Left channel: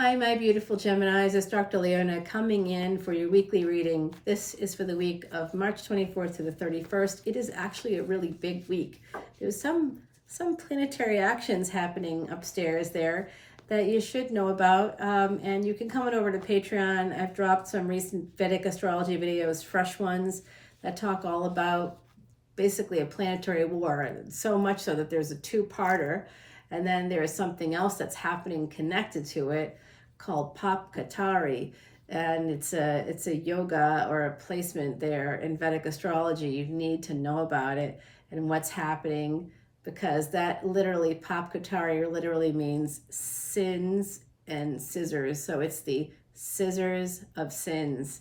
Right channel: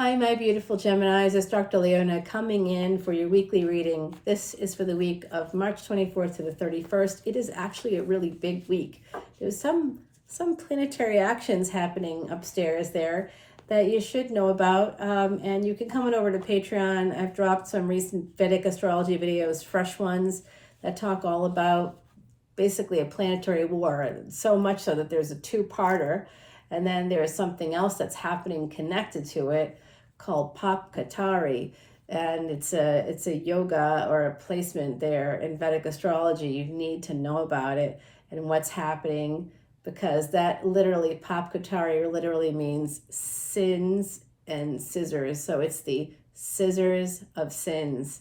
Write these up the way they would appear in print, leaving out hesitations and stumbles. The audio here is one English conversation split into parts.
Hi, my beautiful Geminis. It's Dr. Leona coming in for your weekly reading. This is for the week of March 24th to the 31st. It is actually a really big week. There's some planetary actions happening upstairs there that you should know about. And you can come on over to Patreon. I've dropped some recent Vedic Astrology videos, fresh ones, that talk all about basically a planetary war. So much so that there's a two-parter. And then there's something else that's happening connected to it called Papkatari, and it's a yoga or a placement there in Vedic astrology. You need to know about it and what's happening, because that literally, Papkatari literally means sins and scissors. So it's the scissors of sins.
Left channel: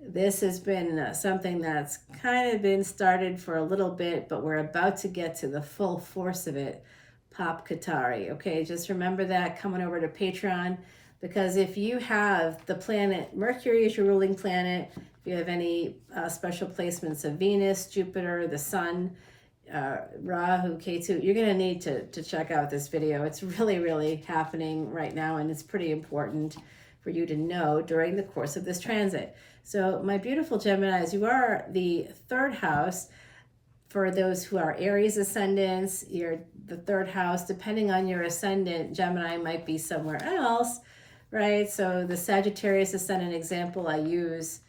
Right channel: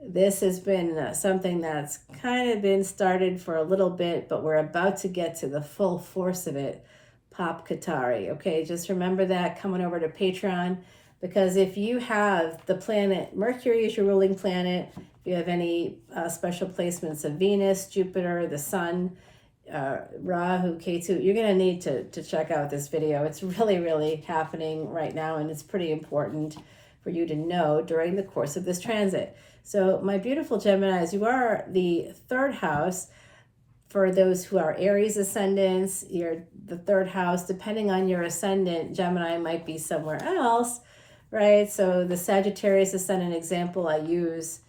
This has been something that's kind of been started for a little bit, but we're about to get to the full force of it. Papkatari. Okay, just remember that coming over to Patreon, because if you have the planet Mercury as your ruling planet, if you have any special placements of Venus, Jupiter, the Sun, Rahu, Ketu, you're going to need to check out this video. It's really happening right now, and it's pretty important for you to know during the course of this transit. So my beautiful Geminis, you are the third house. For those who are Aries ascendants, you're the third house. Depending on your ascendant, Gemini might be somewhere else, right? So the Sagittarius ascendant example I use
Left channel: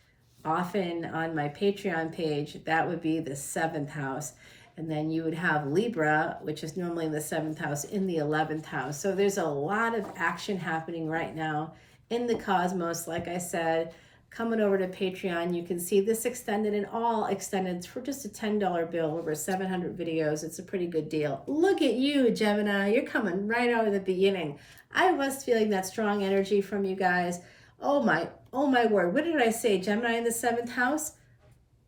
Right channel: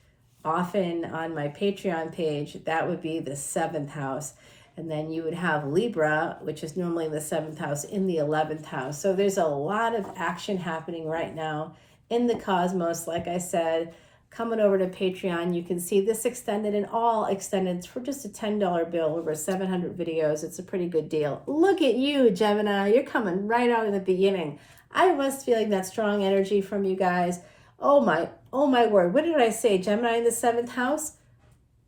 often on my Patreon page, that would be the seventh house. And then you would have Libra, which is normally the seventh house, in the 11th house. So there's a lot of action happening right now in the cosmos. Like I said, coming over to Patreon, you can see this extended and all extended for just a $10 bill, over 700 videos. It's a pretty good deal. Look at you, Gemini. You're coming right out of the beginning. I was feeling that strong energy from you guys. Oh my word. What did I say? Gemini in the 7th house?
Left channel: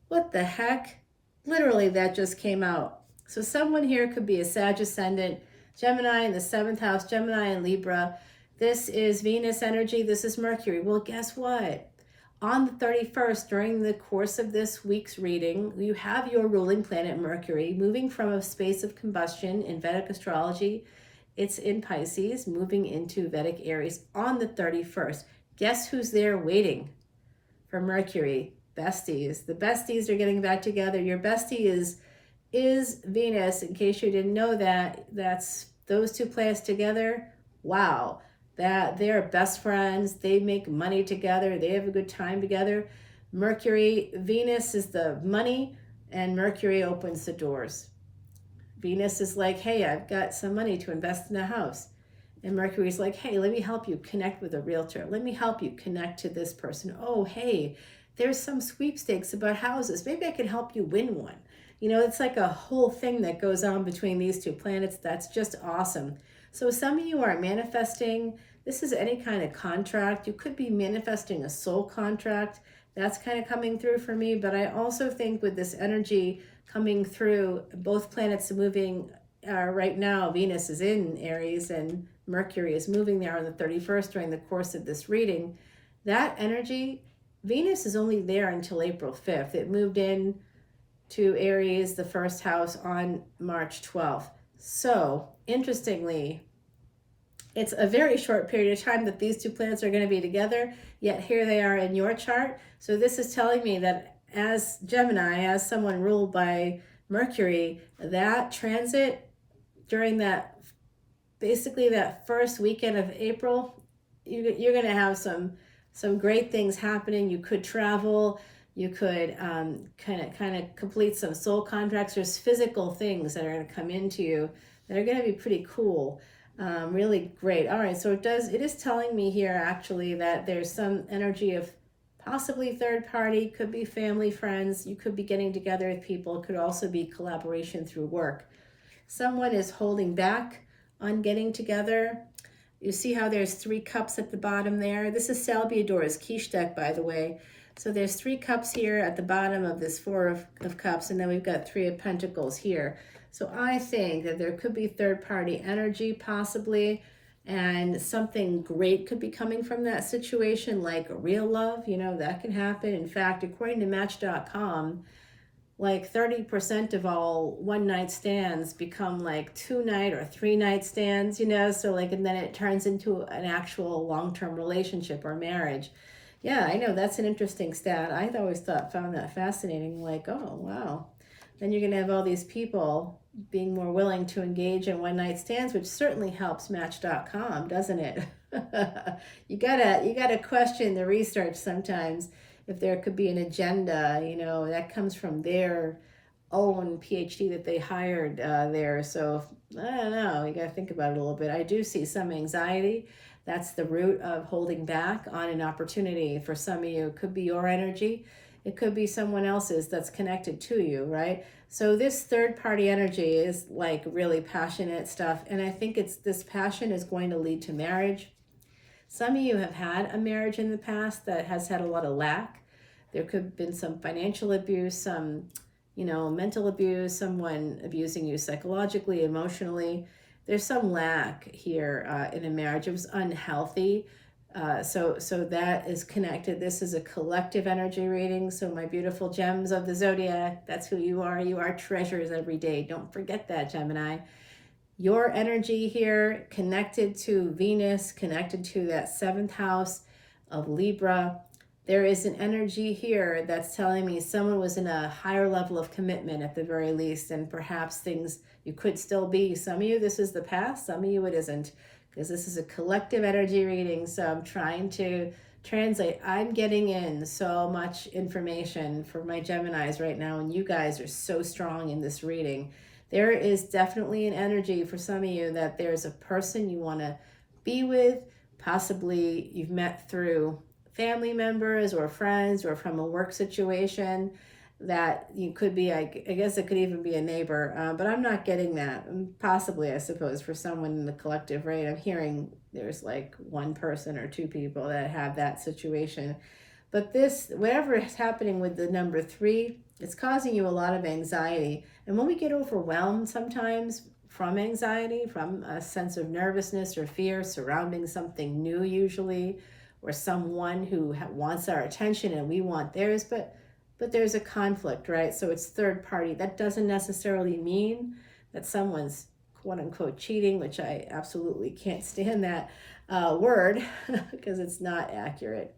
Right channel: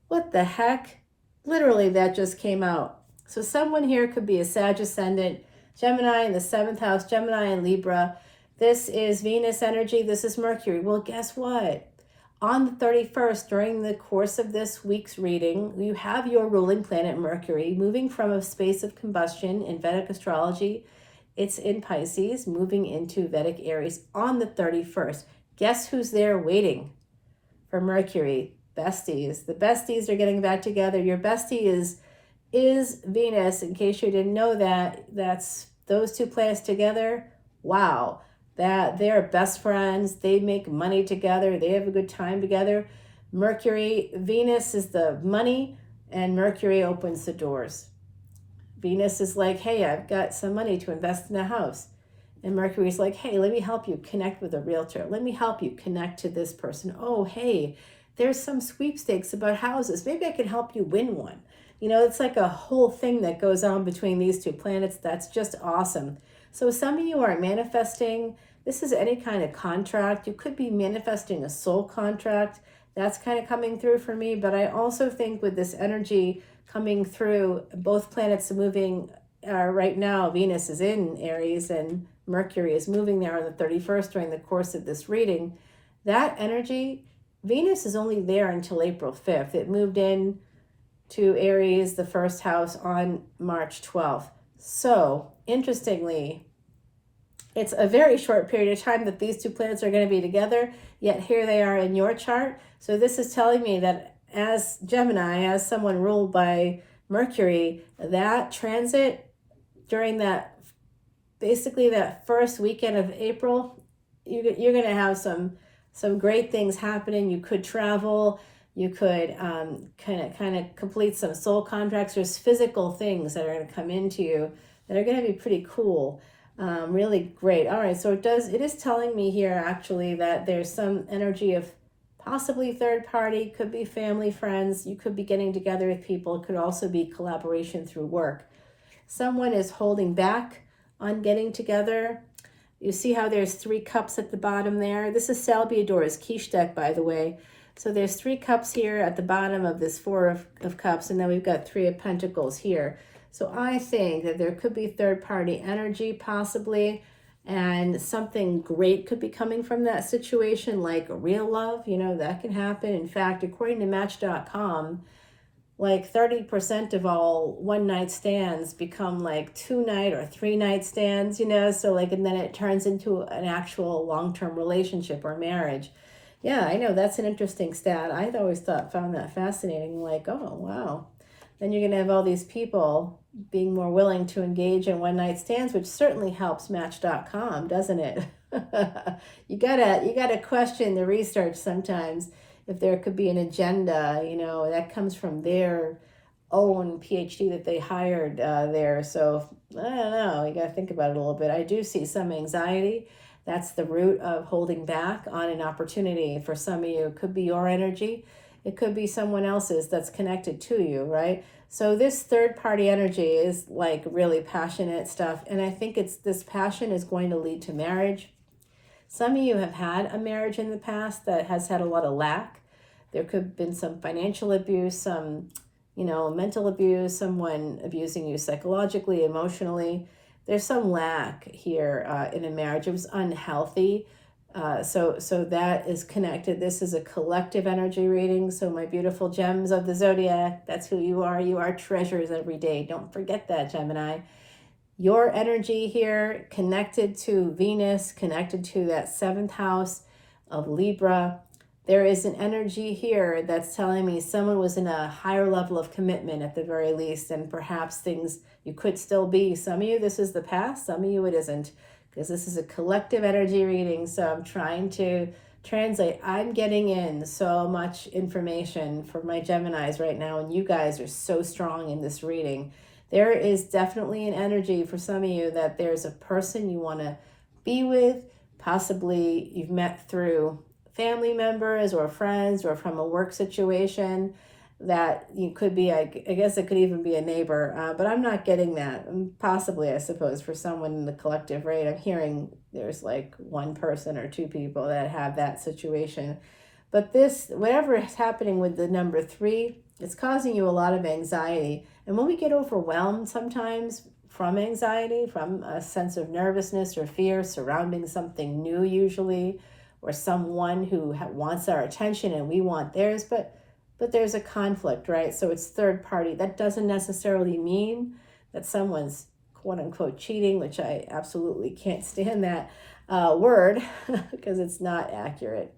What the heck? Literally, that just came out. So someone here could be a Sag ascendant, Gemini in the 7th house, Gemini and Libra. This is Venus energy. This is Mercury. Well, guess what? On the 31st, during the course of this week's reading, you have your ruling planet Mercury moving from a space of combustion in Vedic astrology. It's in Pisces, moving into Vedic Aries on the 31st. Guess who's there waiting for Mercury? Besties. The besties are getting back together. Your bestie is Venus. In case you didn't know that, that's those two planets together. Wow. That they're best friends, they make money together, they have a good time together. Mercury, Venus is the money, and Mercury opens the doors. Venus is like, hey, I've got some money to invest in a house. And Mercury's like, hey, let me help you connect with a realtor. Let me help you connect to this person. Oh, hey, there's some sweepstakes about houses. Maybe I can help you win one. You know, it's like a whole thing that goes on between these two planets. That's just awesome. So some of you are manifesting. This is any kind of contract. You could be manifesting a soul contract. That's kind of coming through for me. But I also think with this energy coming through, both planets are moving right now. Venus is in Aries and Mercury is moving there on the 31st during the course of this reading. That energy, Venus is only there until April 5th. It moved in to Aries, the first house, on March 12th. So, interestingly, it's a very short period of time that these two planets are going to be together, yet here they are in your chart. So this is telling me that as Gemini, as someone ruled by Mercury, that transit during that, basically that first weekend of April, you're going to have some great things happening. You could travel. You could kind of complete some soul contracts. There's physical things that are going to come into you that are going to be pretty cool. Really great. All right, so it is telling me here actually that there's some energy of possibly third party, could be family, friends. You could be getting together with people. It could also be collaboration through work. Someone is holding back on getting together. You see how there's 3 cups at the bottom there? This is Salvador's quiche deck, by the way. So there's 3 cups here at the bottom of this 4 of cups, and then we've got 3 of pentacles here. So I think that there could be third-party energy possibly, and something great could be coming from that situation, like real love. You know, that can happen. In fact, according to Match.com, like 30% of all one-night stands become like 2-night or 3-night stands, so like, and then it turns into an actual long-term relationship or marriage. Yeah, I know, that's an interesting stat. I always found that fascinating, like, oh wow, then you're going to have all these people being more willing to engage in one-night stands, which certainly helps Match.com, doesn't it? You gotta question the research sometimes, if there could be an agenda, that comes from their own PhD that they hired there. So I don't know, you gotta think about it a little bit. I do see some anxiety. That's the root of holding back on an opportunity. For some of you, it could be your energy. It could be someone else's that's connected to you, right? So this third party energy is like really passionate stuff. And I think this passion is going to lead to marriage. Some of you have had a marriage in the past that has had a lot of lack. There could have been some financial abuse, some, mental abuse, someone abusing you psychologically, emotionally. There's some lack here in a marriage. It was unhealthy. So that is connected. This is a collective energy reading. So my beautiful gems of the zodiac, that's who you are. You are treasures every day. Don't forget that, Gemini. Your energy here connected to Venus, connected to that 7th house of Libra. There is an energy here that's telling me someone was in a higher level of commitment at the very least, and perhaps things you could still be. Some of you, this is the past. Some of you, it isn't, because this is a collective energy reading. So I'm trying to translate. I'm getting in so much information for my Geminis right now, and you guys are so strong in this reading. There is definitely an energy for some of you that there's a person you want to be with, possibly you've met through family members or friends or from a work situation, that you could be, I guess it could even be a neighbor, but I'm not getting that. Possibly, I suppose, for someone in the collective, right? I'm hearing there's like one person or two people that have that situation. But this, whatever is happening with the number 3, it's causing you a lot of anxiety. And when we get overwhelmed sometimes from anxiety, from a sense of nervousness or fear surrounding something new usually, or someone who wants our attention and we want theirs, but there's a conflict, right? So it's third party. That doesn't necessarily mean that someone's quote unquote cheating, which I absolutely can't stand that word because it's not accurate.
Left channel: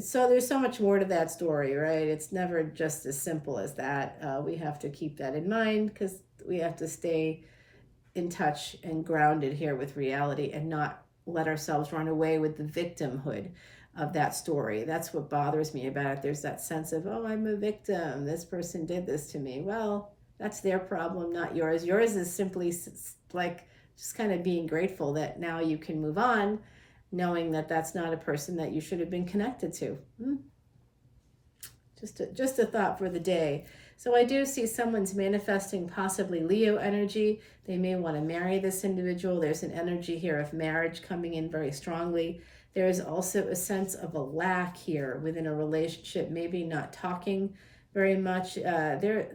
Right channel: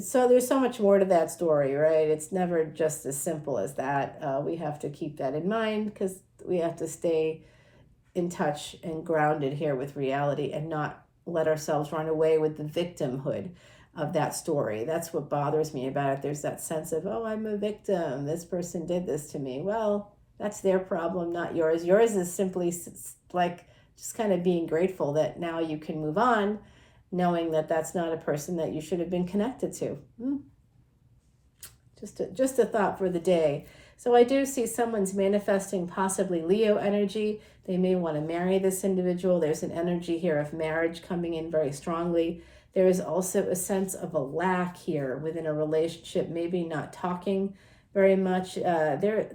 So there's so much more to that story, right? It's never just as simple as that. We have to keep that in mind because we have to stay in touch and grounded here with reality and not let ourselves run away with the victimhood of that story. That's what bothers me about it. There's that sense of, oh, I'm a victim. This person did this to me. Well, that's their problem, not yours. Yours is simply like just kind of being grateful that now you can move on, knowing that that's not a person that you should have been connected to. Just a thought for the day. So I do see someone's manifesting possibly Leo energy. They may want to marry this individual. There's an energy here of marriage coming in very strongly. There is also a sense of a lack here within a relationship, maybe not talking very much. This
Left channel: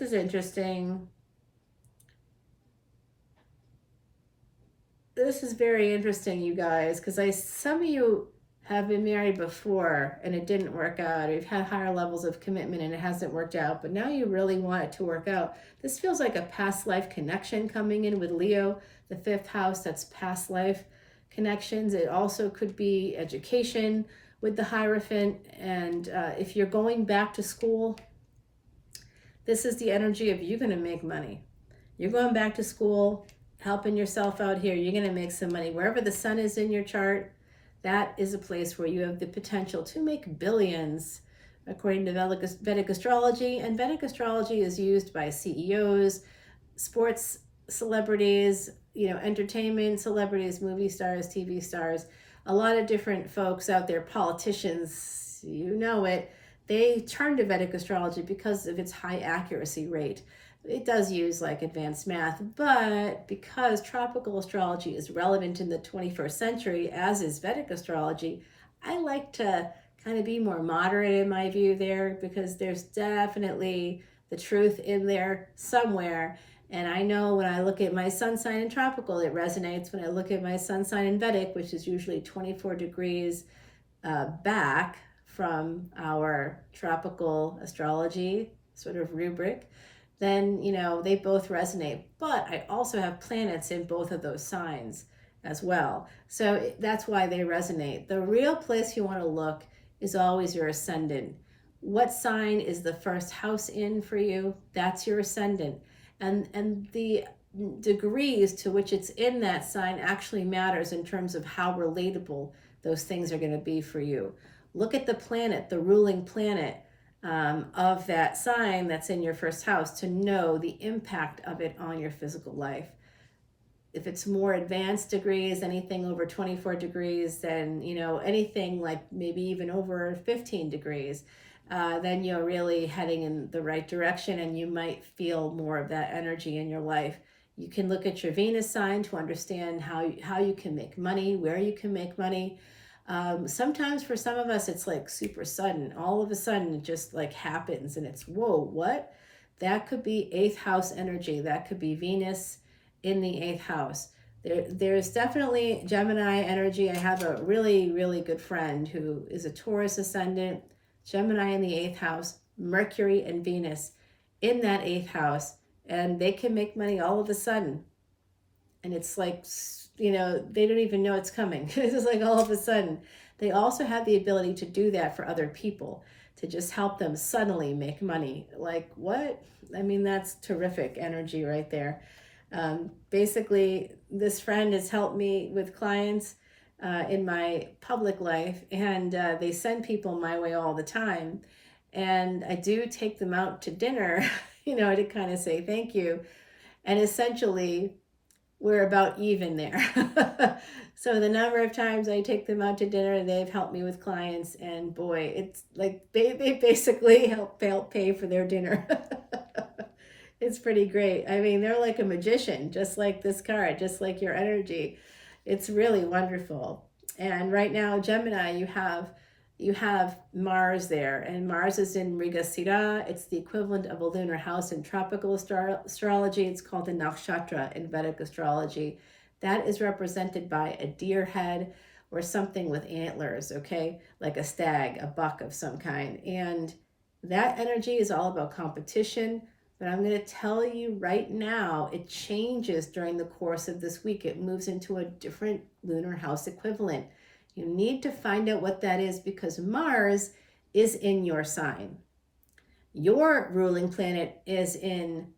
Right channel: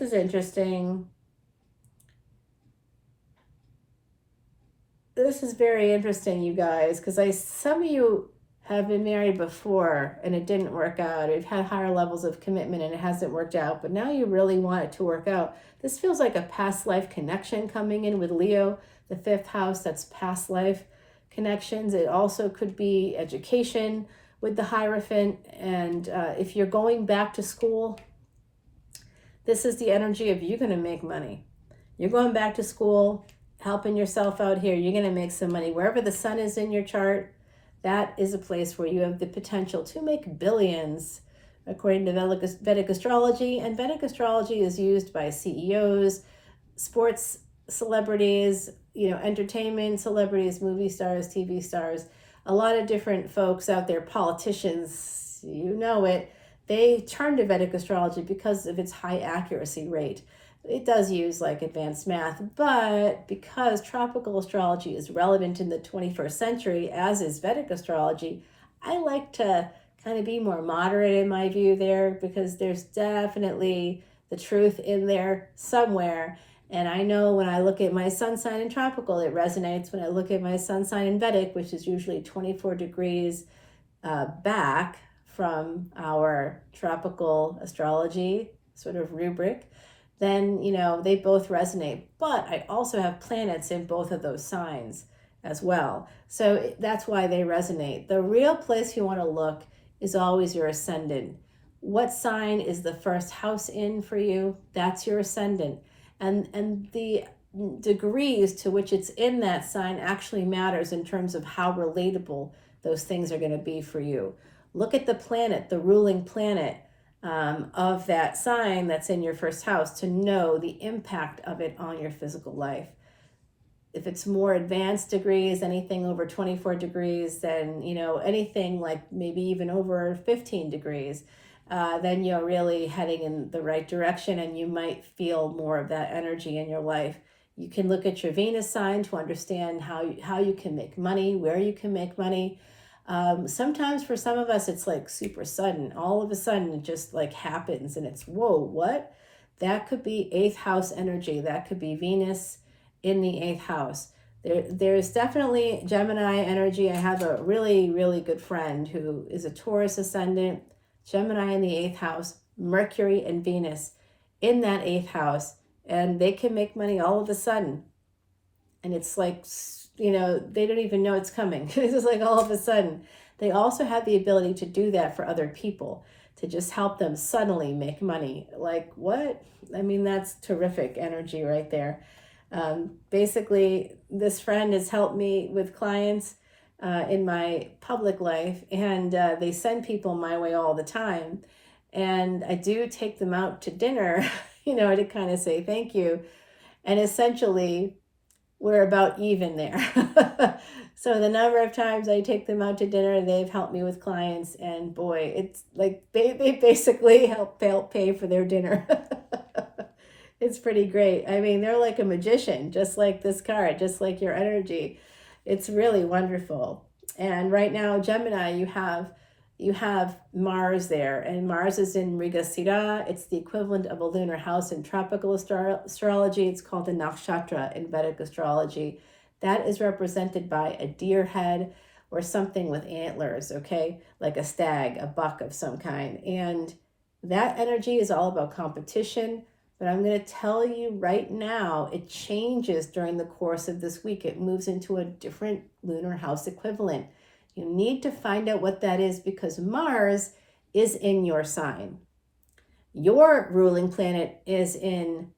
is interesting. This is very interesting, you guys, because some of you have been married before and it didn't work out. You've had higher levels of commitment and it hasn't worked out, but now you really want it to work out. This feels like a past life connection coming in with Leo, the 5th house. That's past life connections. It also could be education with the Hierophant. And if you're going back to school, this is the energy of you're going to make money. You're going back to school, helping yourself out here. You're going to make some money. Wherever the sun is in your chart, that is a place where you have the potential to make billions, according to Vedic Astrology. And Vedic Astrology is used by CEOs, sports celebrities, entertainment celebrities, movie stars, TV stars, a lot of different folks out there, politicians, it. They turn to Vedic Astrology because of its high accuracy rate. It does use like advanced math, but because tropical astrology is relevant in the 21st century, as is Vedic astrology, I like to kind of be more moderate in my view there, because there's definitely the truth in there somewhere. And I know when I look at my sun sign in tropical, it resonates. When I look at my sun sign in Vedic, which is usually 24 degrees back from our tropical astrology sort of rubric, then, you know, they both resonate. But I also have planets in both of those signs as well. So that's why they resonate. The real place you want to look is always your ascendant. What sign is the first house in for you? That's your ascendant. And the degrees to which it's in that sign actually matters in terms of how relatable those things are going to be for you. Look at the planet, the ruling planet of that sign that's in your first house to know the impact of it on your physical life. If it's more advanced degrees, anything over 24 degrees, then, you know, anything like maybe even over 15 degrees, then you're really heading in the right direction and you might feel more of that energy in your life. You can look at your Venus sign to understand how you can make money, where you can make money. Sometimes for some of us, it's like super sudden. All of a sudden, it just like happens and it's, whoa, what? That could be 8th house energy. That could be Venus in the 8th house. There's definitely Gemini energy. I have a really, really good friend who is a Taurus ascendant, Gemini in the 8th house, Mercury and Venus in that 8th house. And they can make money all of a sudden. And it's like, you know, they don't even know it's coming. It's just like all of a sudden. They also have the ability to do that for other people, to just help them suddenly make money. Like, what? I mean, that's terrific energy right there. Basically, this friend has helped me with clients in my public life, and they send people my way all the time. And I do take them out to dinner, you know, to kind of say thank you. And essentially, we're about even there. So the number of times I take them out to dinner, they've helped me with clients, and boy, it's like they basically help pay for their dinner. It's pretty great. I mean, they're like a magician, just like this card, just like your energy. It's really wonderful. And right now, Gemini, you have Mars there, and Mars is in Mrigasira. It's the equivalent of a lunar house in tropical astrology. It's called the nakshatra in Vedic astrology. That is represented by a deer head or something with antlers, okay? Like a stag, a buck of some kind. And that energy is all about competition. But I'm going to tell you right now, it changes during the course of this week. It moves into a different lunar house equivalent. You need to find out what that is because Mars is in your sign. Your ruling planet is in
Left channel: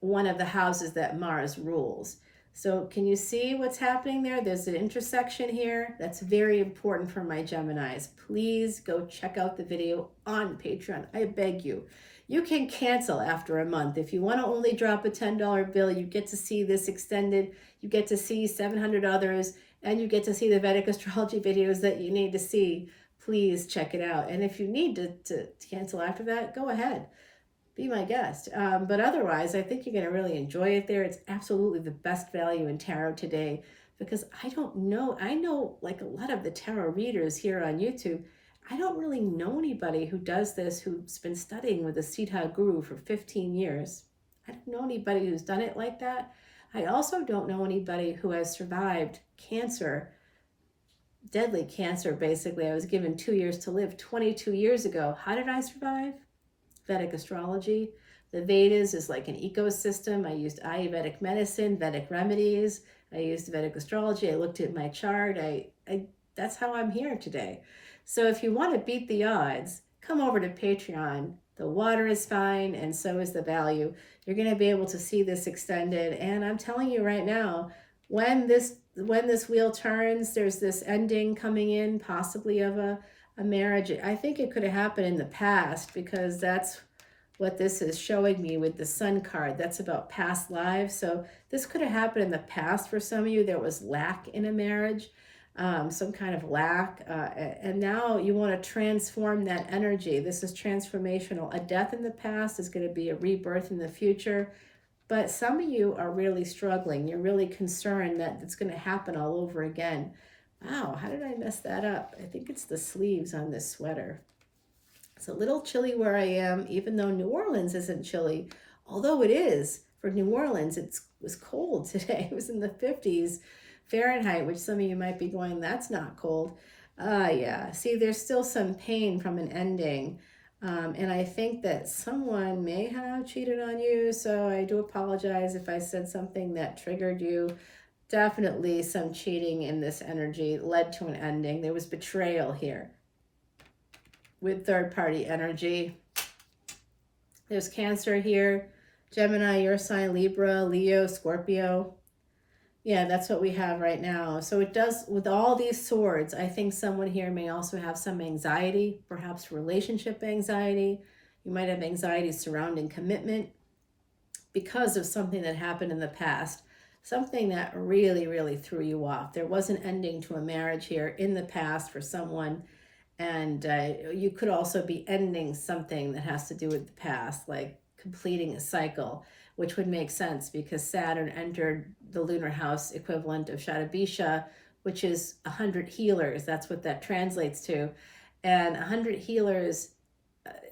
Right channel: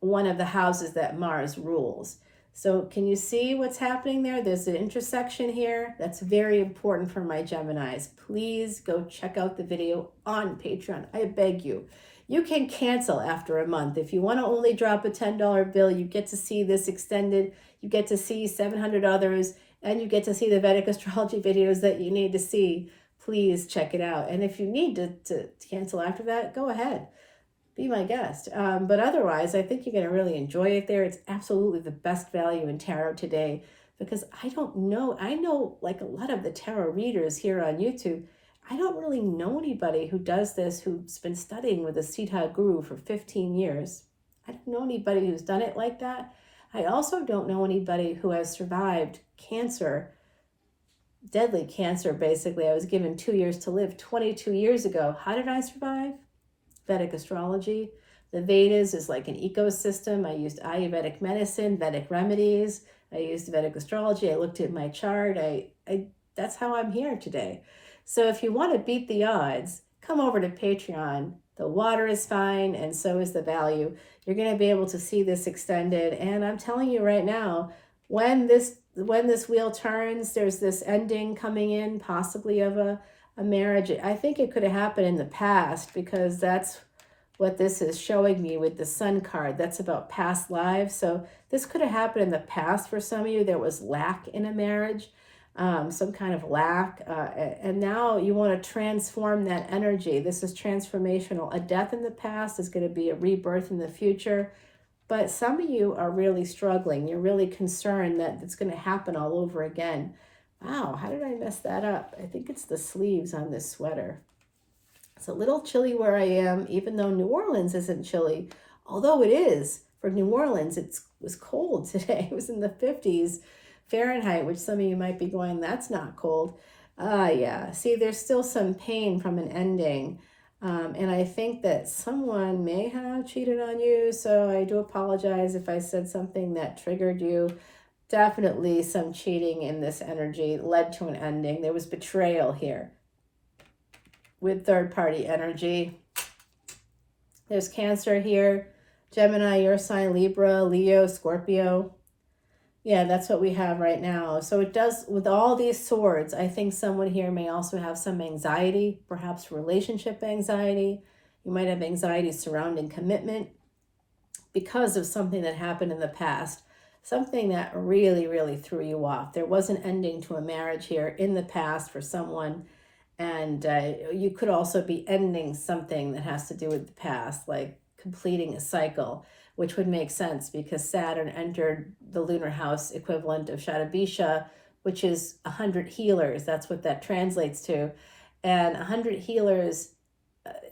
one of the houses that Mars rules. So can you see what's happening there? There's an intersection here. That's very important for my Geminis. Please go check out the video on Patreon. I beg you. You can cancel after a month. If you want to only drop a $10 bill, you get to see this extended. You get to see 700 others, and you get to see the Vedic astrology videos that you need to see. Please check it out. And if you need to cancel after that, go ahead. Be my guest. But otherwise, I think you're going to really enjoy it there. It's absolutely the best value in tarot today because I don't know. I know like a lot of the tarot readers here on YouTube. I don't really know anybody who does this, who's been studying with a Siddha guru for 15 years. I don't know anybody who's done it like that. I also don't know anybody who has survived cancer, deadly cancer, basically. I was given 2 years to live 22 years ago. How did I survive? Vedic astrology. The Vedas is like an ecosystem. I used Ayurvedic medicine, Vedic remedies. I used Vedic astrology. I looked at my chart. That's how I'm here today. So if you want to beat the odds, come over to Patreon. The water is fine, and so is the value. You're going to be able to see this extended. And I'm telling you right now, when this wheel turns, there's this ending coming in, possibly of a marriage. I think it could have happened in the past because that's what this is showing me with the Sun card. That's about past lives. So this could have happened in the past for some of you. There was lack in a marriage. Some kind of lack, and now you want to transform that energy. This is transformational. A death in the past is going to be a rebirth in the future, but some of you are really struggling. You're really concerned that it's going to happen all over again. Wow, how did I mess that up? I think it's the sleeves on this sweater. It's a little chilly where I am, even though New Orleans isn't chilly, although it is. For New Orleans, it was cold today. It was in the 50s. Fahrenheit, which some of you might be going, that's not cold. Yeah. See, there's still some pain from an ending. And I think that someone may have cheated on you. So I do apologize if I said something that triggered you. Definitely some cheating in this energy led to an ending. There was betrayal here with third party energy. There's Cancer here, Gemini, your sign, Libra, Leo, Scorpio. Yeah, that's what we have right now. So it does, with all these swords, I think someone here may also have some anxiety, perhaps relationship anxiety. You might have anxiety surrounding commitment because of something that happened in the past, something that really, really threw you off. There was an ending to a marriage here in the past for someone, and you could also be ending something that has to do with the past, like completing a cycle, which would make sense because Saturn entered the lunar house equivalent of Shatabisha, which is 100 healers. That's what that translates to. And 100 healers,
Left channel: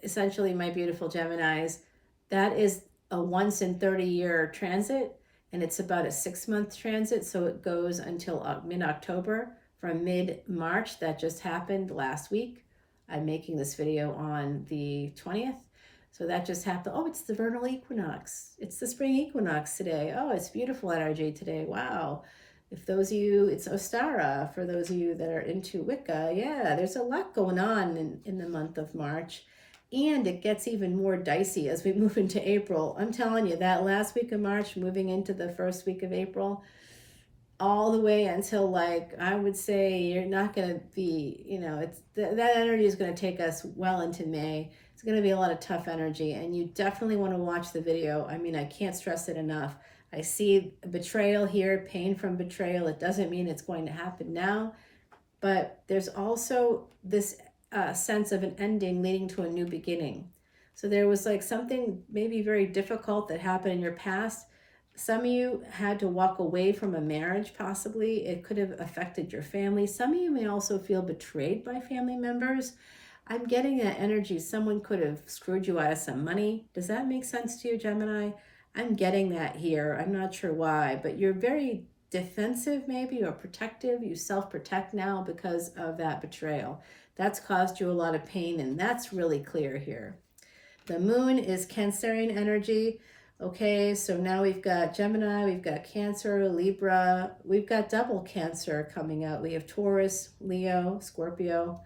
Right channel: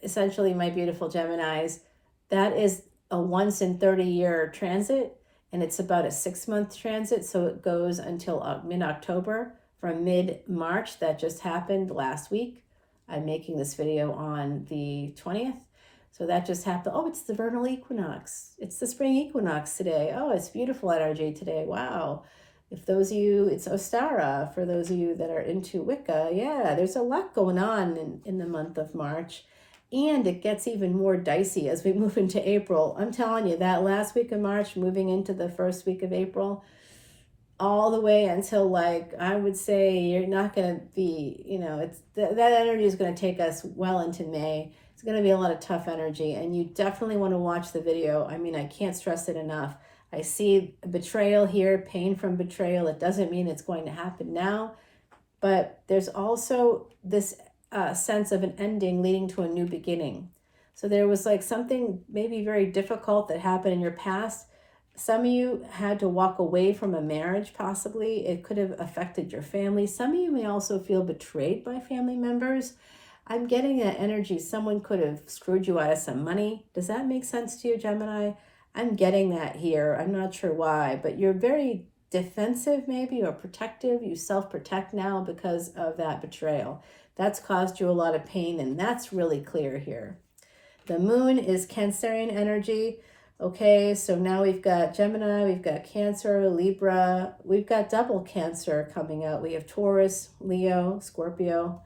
essentially, my beautiful Geminis, that is a once in 30-year transit, and it's about a 6-month transit, so it goes until mid-October. From mid-March, that just happened last week. I'm making this video on the 20th, so that just happened. Oh, it's the vernal equinox. It's the spring equinox today. Oh, it's beautiful energy today. Wow. If those of you, it's Ostara, for those of you that are into Wicca. Yeah, there's a lot going on in the month of March. And it gets even more dicey as we move into April. I'm telling you, that last week of March, moving into the first week of April, all the way until, like, I would say you're not going to be, it's that energy is going to take us well into May. It's going to be a lot of tough energy, and you definitely want to watch the video. I mean, I can't stress it enough. I see betrayal here, pain from betrayal. It doesn't mean it's going to happen now, but there's also this sense of an ending leading to a new beginning. So there was like something maybe very difficult that happened in your past. Some of you had to walk away from a marriage, possibly. It could have affected your family. Some of you may also feel betrayed by family members. I'm getting that energy. Someone could have screwed you out of some money. Does that make sense to you, Gemini? I'm getting that here. I'm not sure why, but you're very defensive maybe, or protective. You self-protect now because of that betrayal. That's caused you a lot of pain, and that's really clear here. The moon is Cancerian energy. Okay, so now we've got Gemini, we've got Cancer, Libra, we've got double Cancer coming out. We have Taurus, Leo, Scorpio.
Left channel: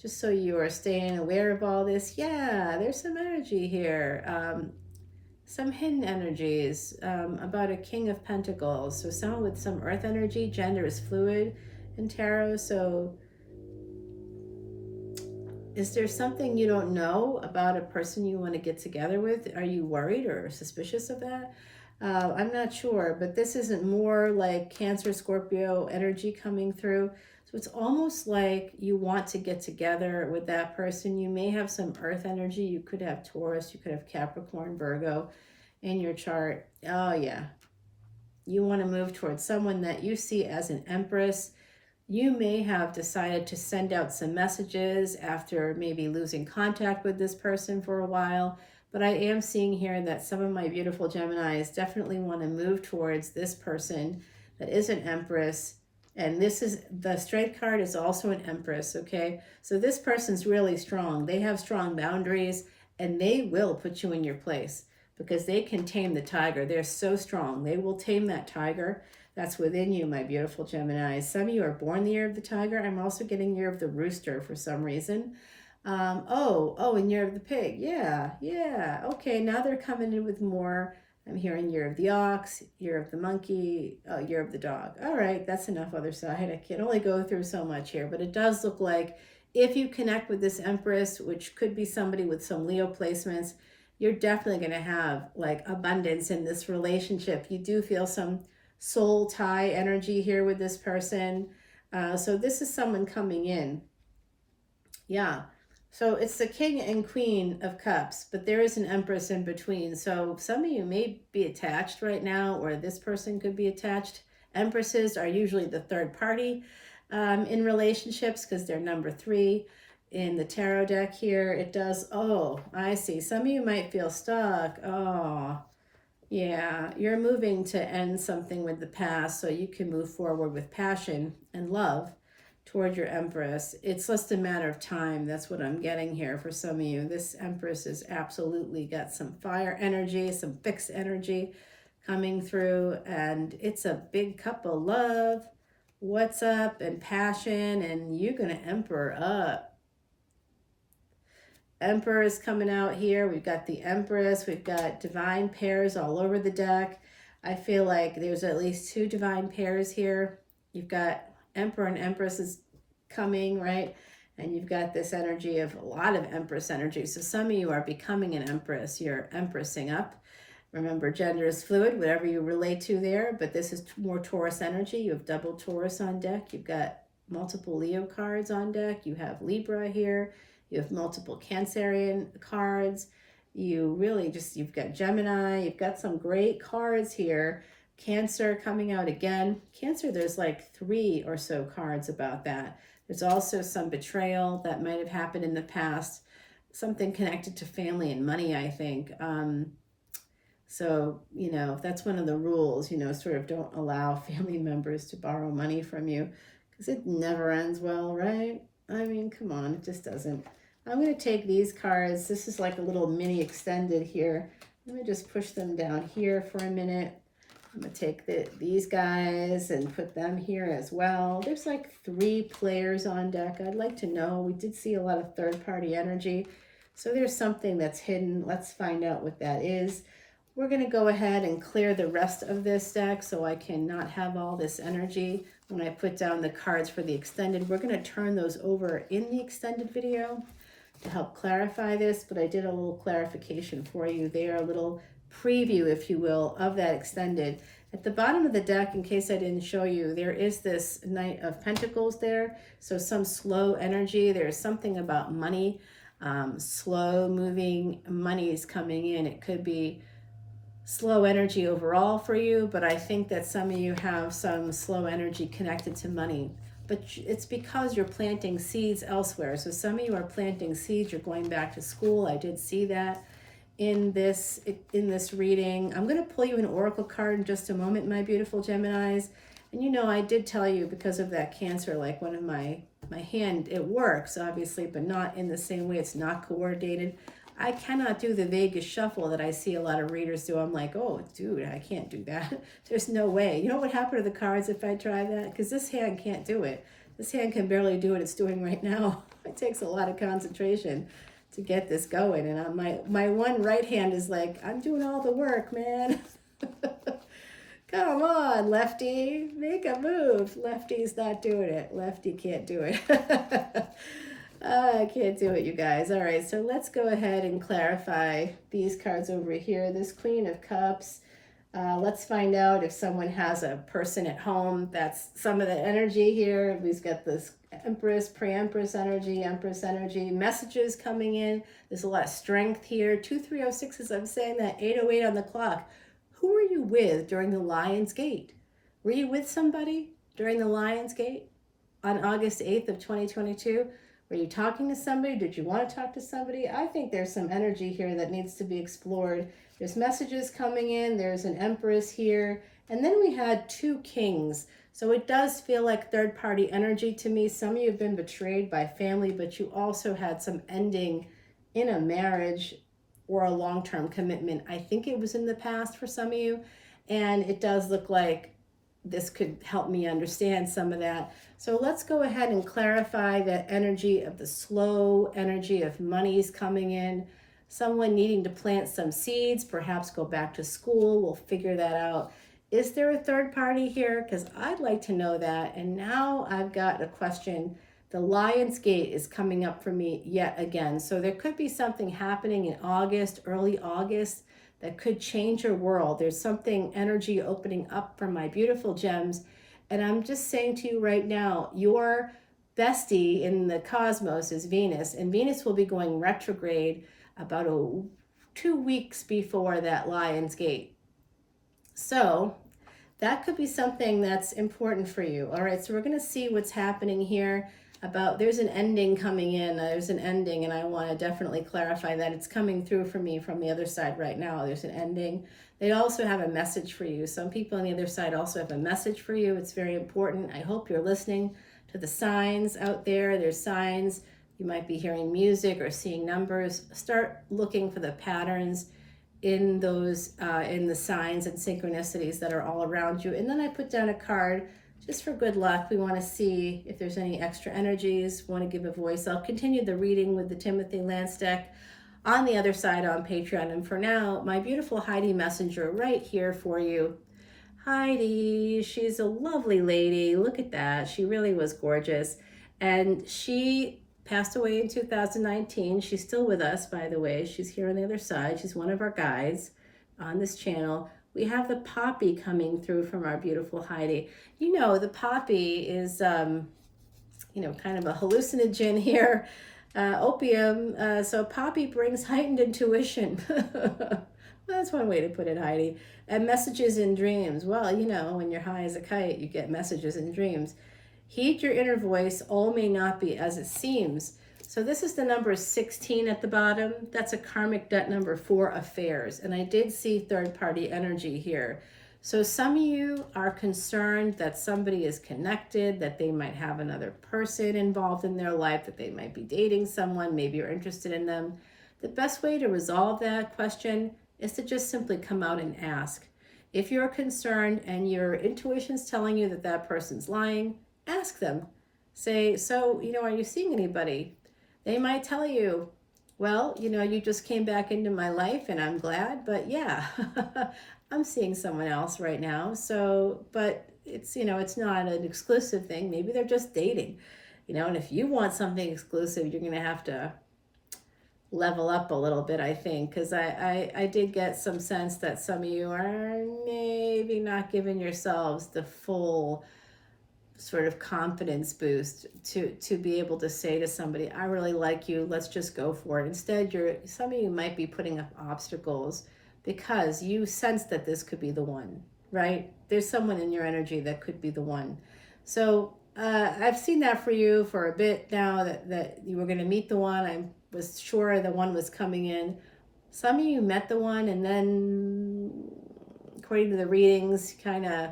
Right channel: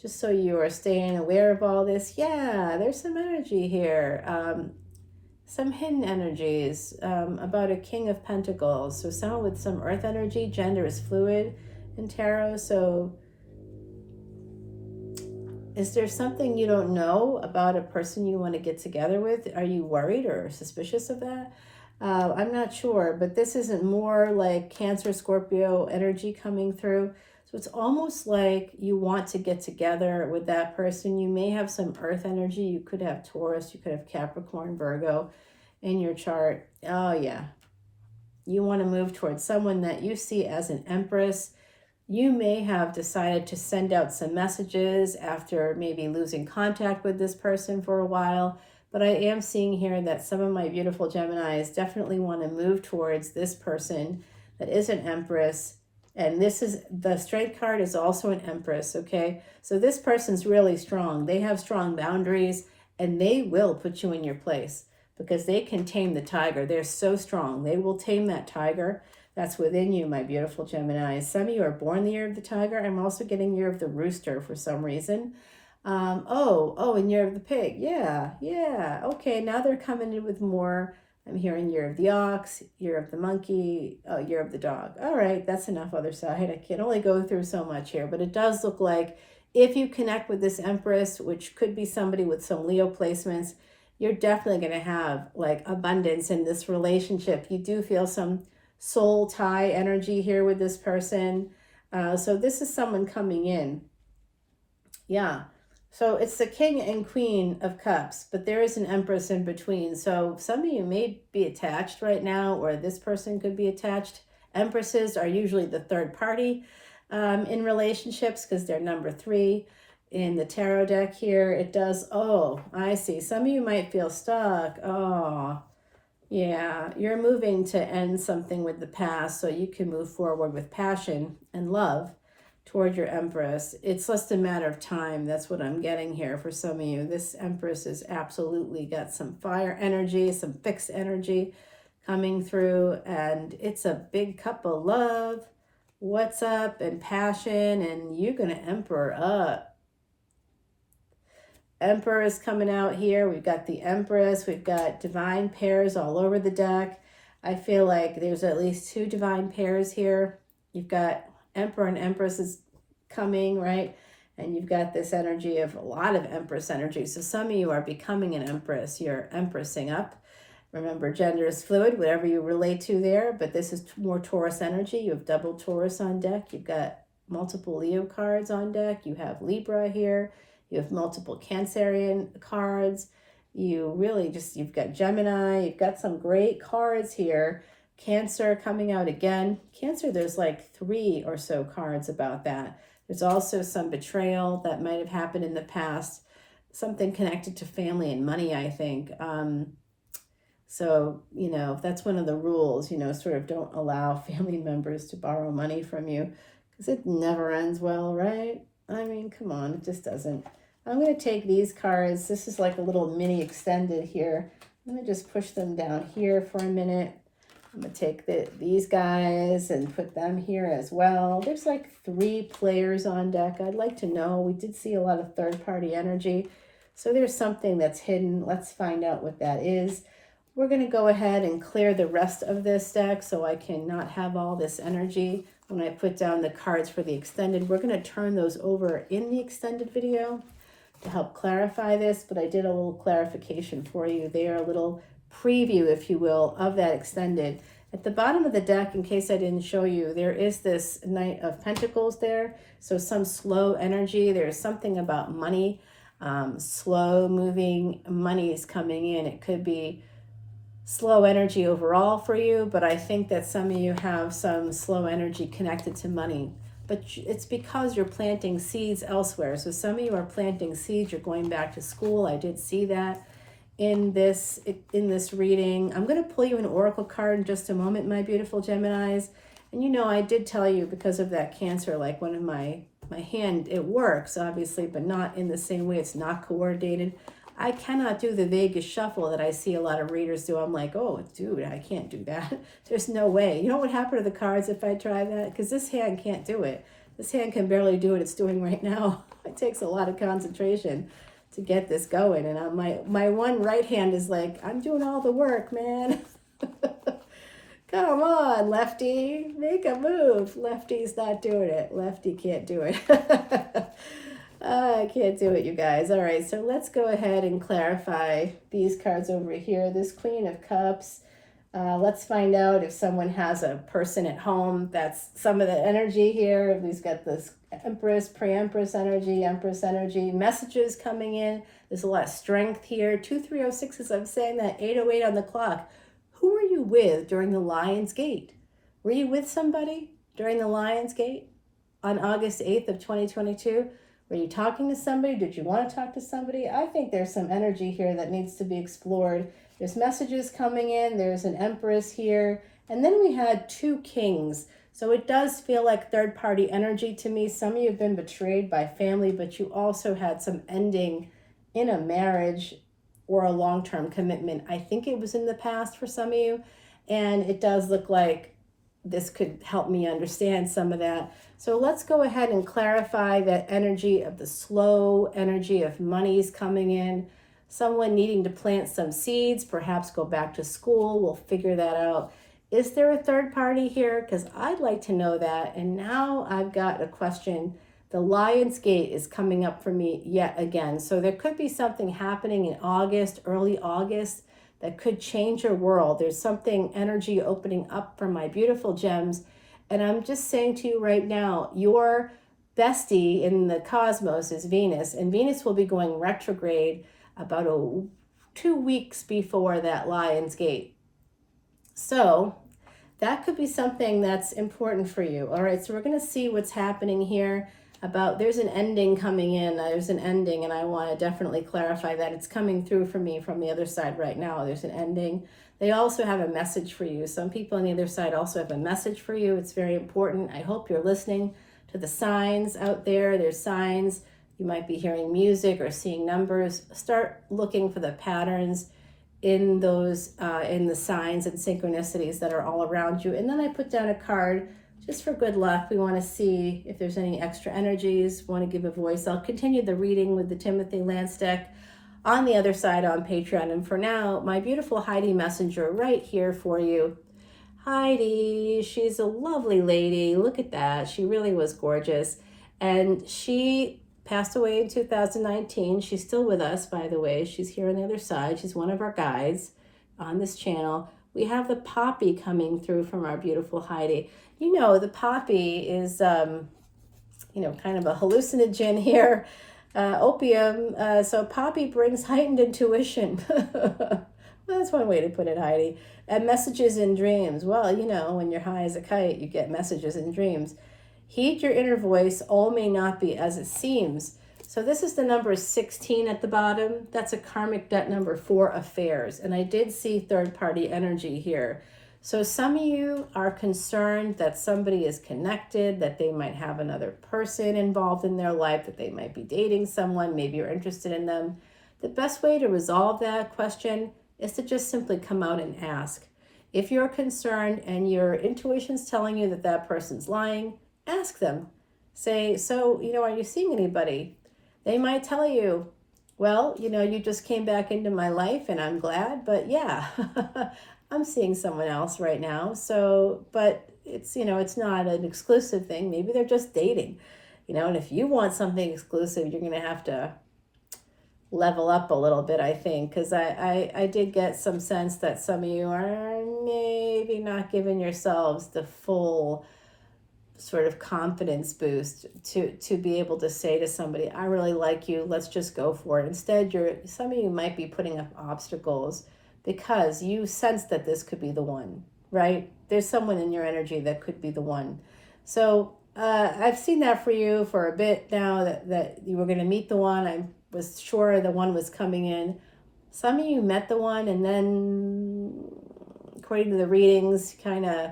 Just so you are staying aware of all this. Yeah, there's some energy here. Some hidden energies about a King of Pentacles. So someone with some earth energy. Gender is fluid in tarot. So is there something you don't know about a person you want to get together with? Are you worried or suspicious of that? I'm not sure, but this isn't more like Cancer, Scorpio energy coming through. So it's almost like you want to get together with that person. You may have some earth energy. You could have Taurus, you could have Capricorn, Virgo in your chart. Oh yeah. You want to move towards someone that you see as an empress. You may have decided to send out some messages after maybe losing contact with this person for a while. But I am seeing here that some of my beautiful Geminis definitely want to move towards this person that is an empress. And this is, the strength card is also an empress, okay? So this person's really strong. They have strong boundaries, and they will put you in your place because they can tame the tiger. They're so strong. They will tame that tiger that's within you, my beautiful Gemini. Some of you are born the year of the tiger. I'm also getting year of the rooster for some reason. And year of the pig. Yeah. Okay, now they're coming in with more. I'm hearing year of the ox, year of the monkey, year of the dog. All right, that's enough other side. I can only go through so much here, but it does look like if you connect with this empress, which could be somebody with some Leo placements, you're definitely going to have like abundance in this relationship. You do feel some soul tie energy here with this person. So this is someone coming in. Yeah. So it's the King and Queen of Cups, but there is an Empress in between. So some of you may be attached right now, or this person could be attached. Empresses are usually the third party in relationships because they're number 3 in the tarot deck here. It does, oh, I see. Some of you might feel stuck. Oh, yeah, you're moving to end something with the past so you can move forward with passion and love. toward your Empress. It's just a matter of time. That's what I'm getting here for some of you. This Empress has absolutely got some fire energy, some fixed energy coming through, and it's a big cup of love. What's up? And passion, and you're going to emperor up. Emperor is coming out here. We've got the Empress. We've got divine pairs all over the deck. I feel like there's at least 2 divine pairs here. You've got Emperor and Empress is coming, right? And you've got this energy of a lot of Empress energy. So some of you are becoming an Empress. You're Empressing up. Remember, gender is fluid, whatever you relate to there, but this is more Taurus energy. You have double Taurus on deck. You've got multiple Leo cards on deck. You have Libra here. You have multiple Cancerian cards. You've got Gemini. You've got some great cards here. Cancer coming out again. Cancer, there's like 3 or so cards about that. There's also some betrayal that might have happened in the past. Something connected to family and money, I think. So, that's one of the rules, sort of don't allow family members to borrow money from you because it never ends well, right? I mean, come on, it just doesn't. I'm going to take these cards. This is like a little mini extended here. I'm going to just push them down here for a minute. I'm going to take these guys and put them here as well. There's like 3 players on deck. I'd like to know. We did see a lot of third-party energy. So there's something that's hidden. Let's find out what that is. We're going to go ahead and clear the rest of this deck so I can not have all this energy when I put down the cards for the extended. We're going to turn those over in the extended video to help clarify this, but I did a little clarification for you there, a little preview, if you will, of that extended. At the bottom of the deck, in case I didn't show you, there is this Knight of Pentacles there, so some slow energy. There's something about money, slow moving money is coming in. It could be slow energy overall for you, but I think that some of you have some slow energy connected to money, but it's because you're planting seeds elsewhere. So some of you are planting seeds, you're going back to school. I did see that in this reading. I'm going to pull you an oracle card in just a moment, my beautiful Geminis. And I did tell you, because of that Cancer, like one of my hand, it works obviously, but not in the same way. It's not coordinated. I cannot do the Vegas shuffle that I see a lot of readers do. I'm like, oh, dude, I can't do that. There's no way. You know what would happen to the cards if I try that? Because this hand can't do it. This hand can barely do what it's doing right now. It takes a lot of concentration to get this going. And my one right hand is like, I'm doing all the work, man. Come on, lefty, make a move. Lefty's not doing it. Lefty can't do it. I can't do it, you guys. All right, so let's go ahead and clarify these cards over here. This Queen of Cups. Let's find out if someone has a person at home. That's some of the energy here. We've got this Empress, pre-Empress energy, Empress energy, messages coming in. There's a lot of strength here. 2306, as I'm saying that, 808 on the clock. Who were you with during the Lion's Gate? Were you with somebody during the Lion's Gate on August 8th of 2022? Were you talking to somebody? Did you want to talk to somebody? I think there's some energy here that needs to be explored. There's messages coming in. There's an Empress here. And then we had 2 Kings. So it does feel like third-party energy to me. Some of you have been betrayed by family, but you also had some ending in a marriage or a long-term commitment. I think it was in the past for some of you. And it does look like this could help me understand some of that. So let's go ahead and clarify that energy of the slow energy of money's coming in. Someone needing to plant some seeds, perhaps go back to school. We'll figure that out. Is there a third party here? Because I'd like to know that. And now I've got a question. The Lion's Gate is coming up for me yet again. So there could be something happening in August, early August, that could change your world. There's something, energy opening up for my beautiful gems. And I'm just saying to you right now, your bestie in the cosmos is Venus, and Venus will be going retrograde about 2 weeks before that Lion's Gate. So that could be something that's important for you. All right, so we're going to see what's happening here. There's an ending coming in. There's an ending, and I want to definitely clarify that. It's coming through for me from the other side right now. There's an ending. They also have a message for you. Some people on the other side also have a message for you. It's very important. I hope you're listening to the signs out there. There's signs. You might be hearing music or seeing numbers. Start looking for the patterns in those, in the signs and synchronicities that are all around you. And then I put down a card just for good luck. We want to see if there's any extra energies, want to give a voice. I'll continue the reading with the Timothy Lance deck on the other side on Patreon. And for now, my beautiful Heidi Messenger right here for you. Heidi, she's a lovely lady. Look at that. She really was gorgeous. And she passed away in 2019. She's still with us, by the way. She's here on the other side. She's one of our guides on this channel. We have the poppy coming through from our beautiful Heidi. You know, the poppy is, you know, kind of a hallucinogen here, opium. So poppy brings heightened intuition. That's one way to put it, Heidi. And messages in dreams. Well, you know, when you're high as a kite, you get messages in dreams. Heed your inner voice. All may not be as it seems. So this is the number 16 at the bottom. That's a karmic debt number for affairs. And I did see third-party energy here. So some of you are concerned that somebody is connected, that they might have another person involved in their life, that they might be dating someone, maybe you're interested in them. The best way to resolve that question is to just simply come out and ask. If you're concerned and your intuition's telling you that that person's lying, ask them. Say, so, you know, are you seeing anybody? They might tell you, well, you know, you just came back into my life and I'm glad, but yeah, I'm seeing someone else right now. So, but it's, you know, it's not an exclusive thing. Maybe they're just dating, you know, and if you want something exclusive, you're going to have to level up a little bit, I think, because I did get some sense that some of you are maybe not giving yourselves the full sort of confidence boost to be able to say to somebody, I really like you, let's just go for it. Instead, some of you might be putting up obstacles because you sense that this could be the one, right? There's someone in your energy that could be the one. So I've seen that for you for a bit now, that you were going to meet the one. I was sure the one was coming in. Some of you met the one and then, according to the readings, kind of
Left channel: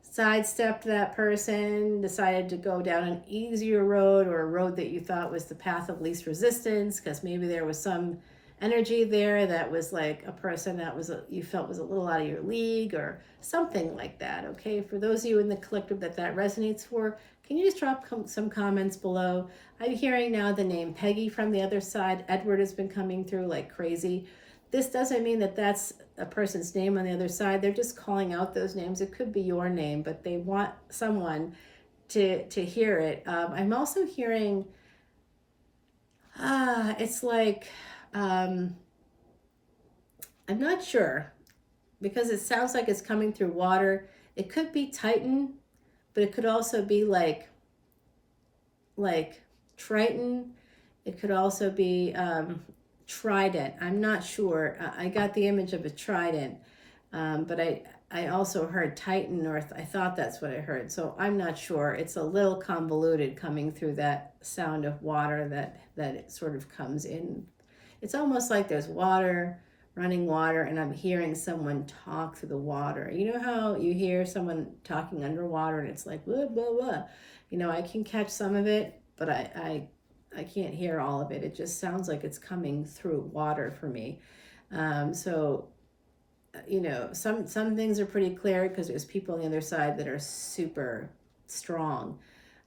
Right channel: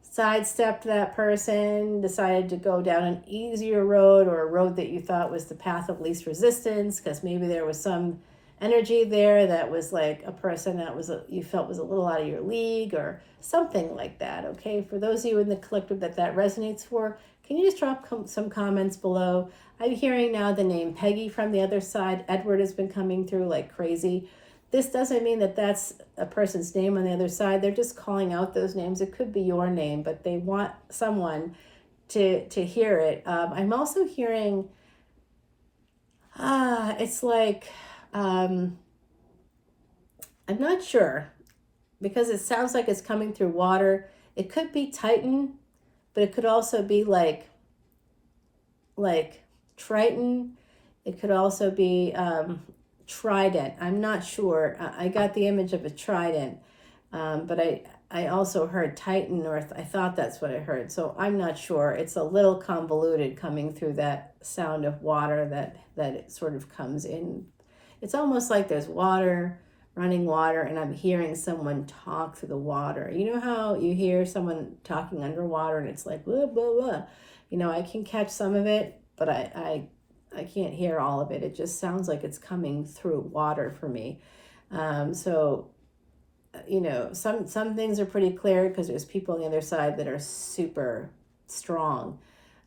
sidestepped that person, decided to go down an easier road, or a road that you thought was the path of least resistance, because maybe there was some energy there that was like a person that was you felt was a little out of your league or something like that. Okay, for those of you in the collective that resonates for, can you just drop some comments below? I'm hearing now the name Peggy from the other side. Edward has been coming through like crazy. This doesn't mean that that's a person's name on the other side. They're just calling out those names. It could be your name, but they want someone to hear it. I'm also hearing, it's like, I'm not sure, because it sounds like it's coming through water. It could be Titan, but it could also be like Triton. It could also be Trident. I'm not sure. I got the image of a trident, but I also heard Titan, or I thought that's what I heard. So I'm not sure. It's a little convoluted coming through that sound of water that it sort of comes in. It's almost like there's water, running water, and I'm hearing someone talk through the water. You know how you hear someone talking underwater and it's like, blah, blah, blah. You know, I can catch some of it, but I can't hear all of it. It just sounds like it's coming through water for me. So, you know, some things are pretty clear because there's people on the other side that are super strong.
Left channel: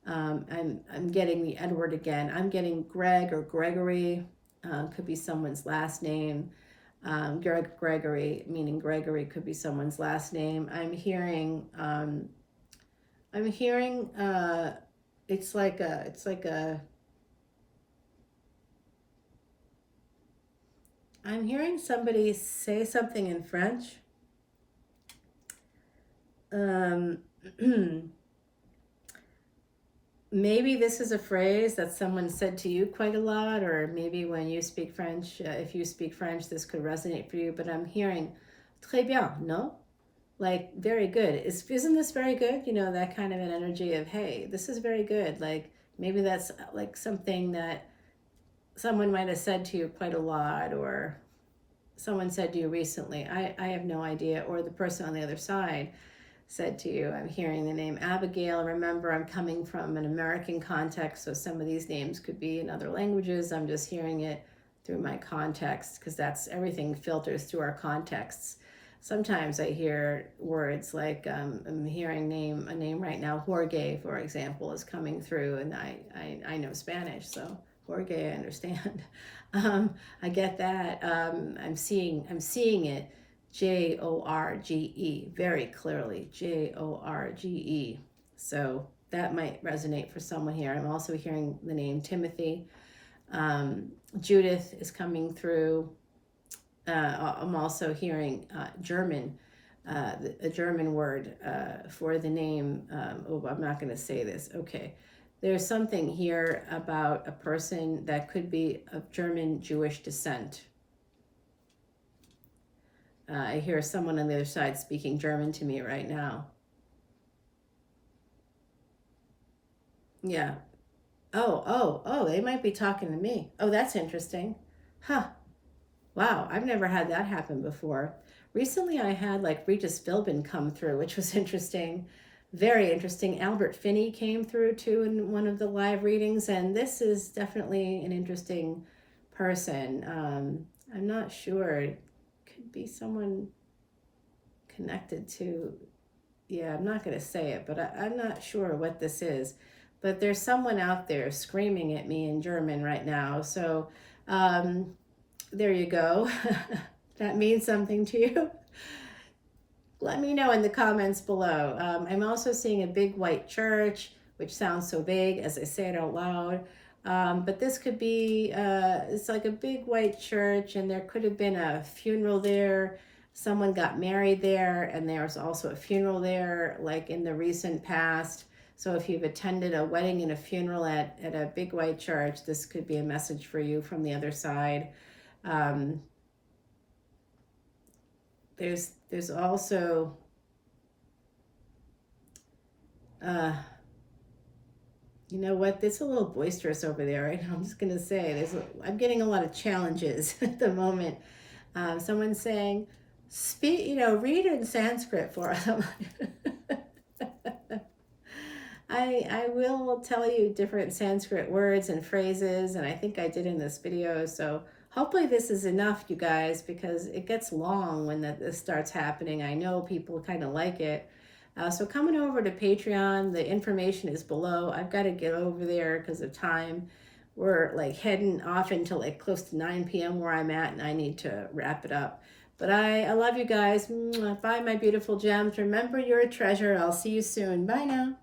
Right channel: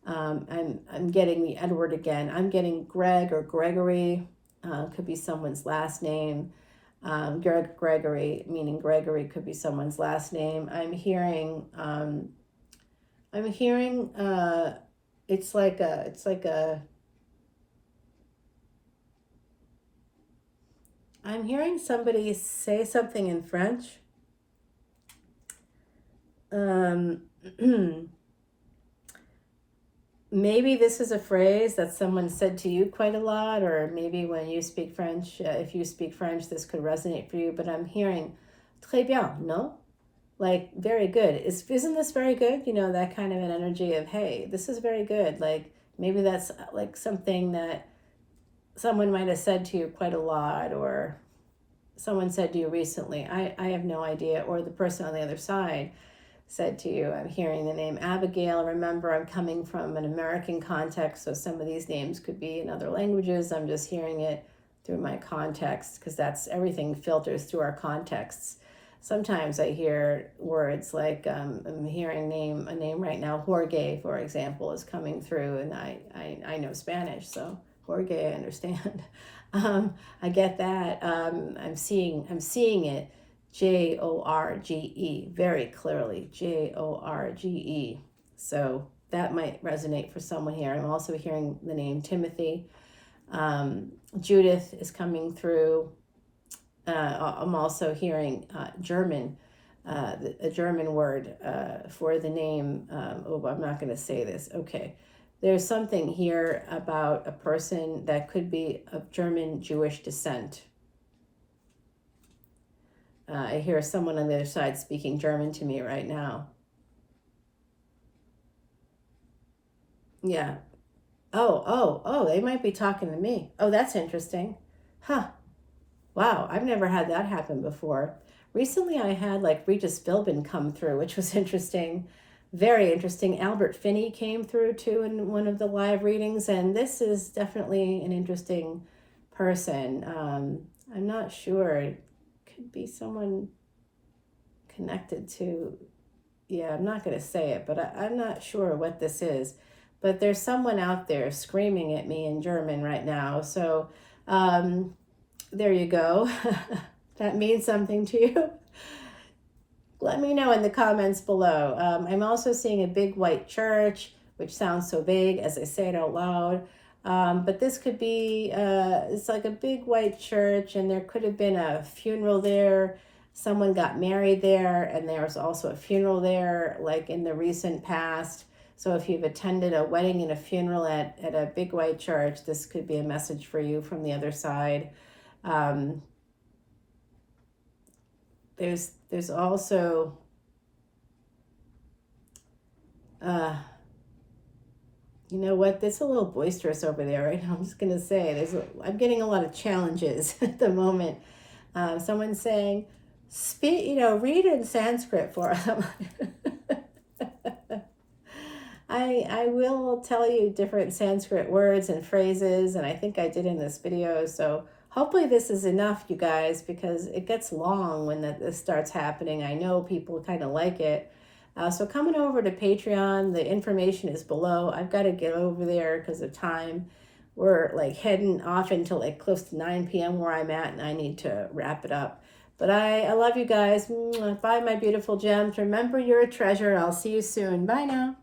I'm getting the Edward again. I'm getting Greg or Gregory. Could be someone's last name. Gregory, meaning Gregory, could be someone's last name. I'm hearing it's like a I'm hearing somebody say something in French. Maybe this is a phrase that someone said to you quite a lot, or maybe when you speak French, if you speak French, this could resonate for you. But I'm hearing très bien, no? Like, very good. Isn't this very good? You know, that kind of an energy of, hey, this is very good. Like, maybe that's like something that someone might have said to you quite a lot, or someone said to you recently. I have no idea, or the person on the other side said to you. I'm hearing the name Abigail. Remember, I'm coming from an American context, so some of these names could be in other languages. I'm just hearing it through my context, because that's everything filters through our contexts. Sometimes I hear words like, I'm hearing a name right now, Jorge, for example, is coming through, and I know Spanish, so Jorge, I understand. I get that. I'm seeing it, Jorge, very clearly, Jorge. So that might resonate for someone here. I'm also hearing the name Timothy. Judith is coming through. I'm also hearing German, a German word for the name. I'm not going to say this. Okay. There's something here about a person that could be of German Jewish descent. I hear someone on the other side speaking German to me right now. Yeah. Oh, they might be talking to me. Oh, that's interesting. Huh. Wow, I've never had that happen before. Recently, I had like Regis Philbin come through, which was interesting. Very interesting. Albert Finney came through too in one of the live readings, and this is definitely an interesting person. I'm not sure. It could be someone connected to, yeah, I'm not going to say it, but I'm not sure what this is. But there's someone out there screaming at me in German right now. So there you go. That means something to you. Let me know in the comments below. I'm also seeing a big white church, which sounds so vague as I say it out loud. But this could be, it's like a big white church, and there could have been a funeral there. Someone got married there, and there's also a funeral there, like in the recent past. So if you've attended a wedding and a funeral at a big white church, this could be a message for you from the other side. There's also you know what, it's a little boisterous over there, right? I'm just gonna say I'm getting a lot of challenges at the moment. Someone's saying, read in Sanskrit for them. I will tell you different Sanskrit words and phrases, and I think I did in this video, so hopefully this is enough, you guys, because it gets long when this starts happening. I know people kind of like it. So coming over to Patreon, the information is below. I've got to get over there because of time. We're like heading off until like close to 9 p.m. where I'm at, and I need to wrap it up. But I love you guys. Bye, my beautiful gems. Remember, you're a treasure. I'll see you soon. Bye now.